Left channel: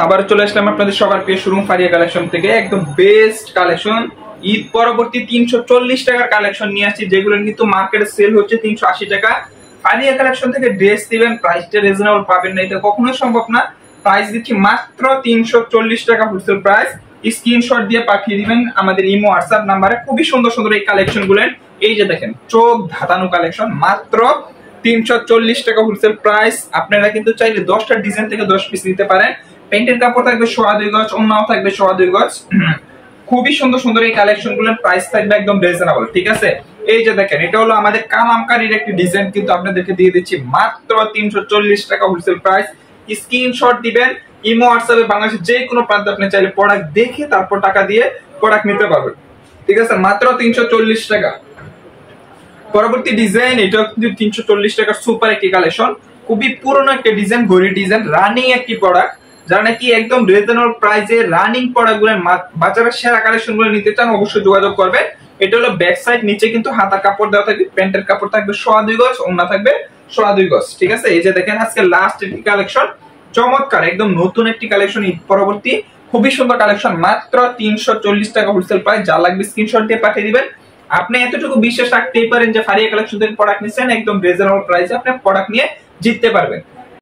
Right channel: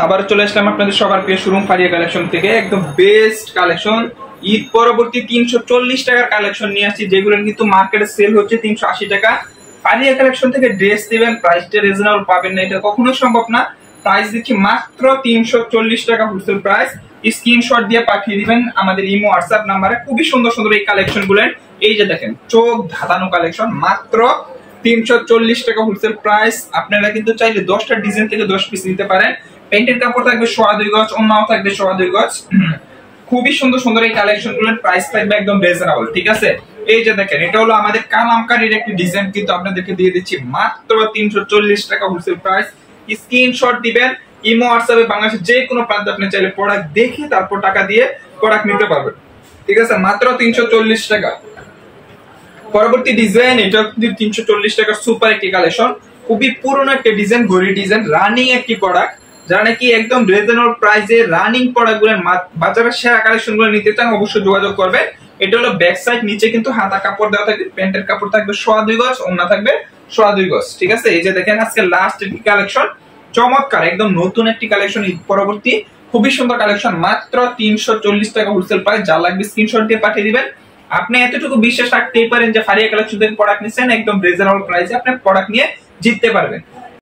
আবার চলে আসলাম আপনাদের সবার প্রিয় শোরুম ফারিয়া কালেকশন থেকে। একদম বেস্ট কালেকশন, ঈদ পরবর্তী 340 টাকার কালেকশন নিয়ে আসছি, যেগুলো কিন্তু মার্কেটে সেল হচ্ছে 380 টাকা। ফারিয়া কালেকশন থেকে ড্রেস দিবেন, প্রাইসটা রিজনেবল পাবেন না, এটা কখনোই সম্ভব না। প্রাইস দিচ্ছি মাত্র 340 টাকা হোলসেল প্রাইস। স্ক্রিনশট দিয়ে পাঠিয়ে দিবেন আমাদের ইমো হোয়াটসঅ্যাপ নাম্বারে। খুবই সুন্দর সুন্দর এই কালেকশন গুলো, এই যে দেখেন চোখ ধাঁধানো কালেকশন, মাত্র 340 টাকা হোলসেল প্রাইস। আপনারা কিন্তু চাইলে 10টা ডিজাইন থেকে 10 পিস নিতে পারেন। প্যান্টের কাপড় থাকবে 2.5 গজ, ওড়নাও থাকবে 2.5 গজ। খুবই সুন্দর সুন্দর এই কালেকশন গুলোর প্রাইস থাকবে একদম রিজনেবল, ঠিক আছে। এই যে দেখেন, এটা হলো আমাদের কালামকারীর একটি ডিজাইন, কিন্তু আপনাদেরকে দিয়ে দিচ্ছি মাত্র 340 টাকা হোলসেল প্রাইস। স্ক্রিনশট দিবেন ইমো হোয়াটসঅ্যাপে, বাংলাদেশের যে কোনো প্রান্তে আপনি চাইলে প্রোডাক্ট দেখে তারপর টাকা দিয়ে প্রোডাক্ট নিতে পারবেন, ঠিক আছে। মাত্র 340 টাকা। পরবর্তী ডিজাইন, এটা কিন্তু 340 টাকার সুপার একটি কালেকশন, খুবই পুরনো একটা ডিজাইন, ঘড়ি ডিজাইন, রানিং একটি প্রোডাক্ট। যারা নাকি একদম রিজনেবল প্রাইসে রানিং প্রোডাক্ট গুলো বাজারের সেরা কালেকশন গুলো নিতে চান, অবশ্যই যোগাযোগ করবেন। এটা হলো ব্যাক সাইড, নিচে কিন্তু হাতা কাপড় দেওয়া থাকবে, প্যান্টের কাপড় থাকবে 2.5 গজ, ওড়না থাকবে 2.5 গজ, ঠিক আছে। এই যে দেখেন আজকে লাস্ট একটি কালেকশন, চমৎকার একদম নতুন একটি কালেকশন, ঈদ পরবর্তী খুবই সুন্দর কালেকশন, মাত্র 340 টাকা হোলসেল প্রাইস। যা লাগবে স্ক্রিনশট দিয়ে পাঠিয়ে দিবেন। আপনি এতটুকু বিশ্বাস রাখতেই পারেন যে ফারিয়া কালেকশন থেকে প্রোডাক্ট নিচ্ছেন, একদম রিজনেবল প্রাইসে আপনি প্রোডাক্ট নিয়ে জিততে পারবেন।